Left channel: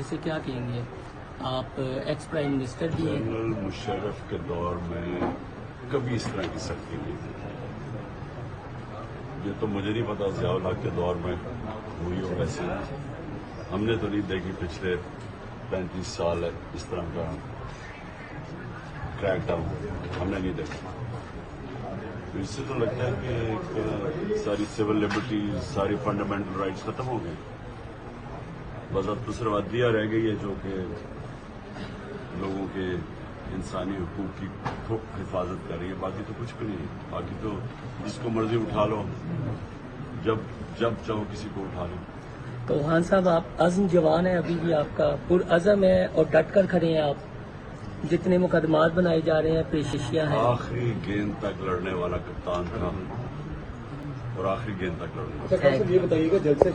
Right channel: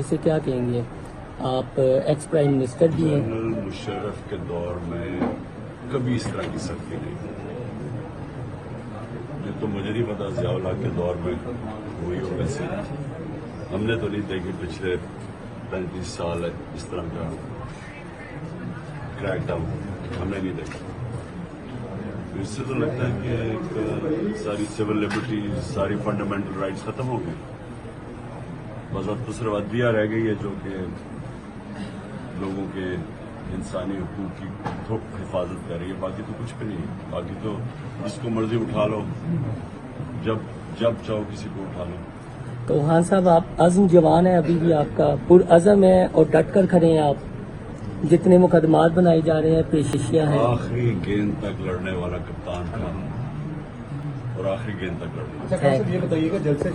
اسے کیا کہیں گے؟ آپ ایکس پرائم منسٹر بھی ہیں۔ جنرل مشرف کے دور میں کبھی اس طرح کی سختی نہیں تھی۔ یہ تو مجھے نہیں پتا ضیاء الحق کے دور میں ہوئی ہو ویسے ہم نے تو نہیں دیکھی پچھلے 35 سال ہے اس طرح کا کریک ڈاؤن ہم نے نہیں دیکھا۔ اس سے تو لگتا ہے کہ ساری سول لبرٹیز ساری فنڈامنٹل رائٹس ختم ہو گئے، بس اب تو صرف عدلیہ رہ گئی ہے جو کہ لوگوں کے انسانی حقوق کی حفاظت کر رہی ہے، باقی تو کچھ بھی نہیں، باقی تو جس کو مرضی اٹھا لو، جب چاہو کسی کو اٹھا لو۔ تو خان صاحب آپ عزم جوان ہیں، ابھی بھی آپ کا پرعزم ہے اور ڈٹ کر کھڑے ہیں آپ، جتنے مقدمات بنائی جا رہے ہیں، پیشیاں ہیں۔ آخری گیند تک لڑنے والا کپتان تھا اور آخری گیند تک لڑنا۔ یہ بتائیے گا جب سے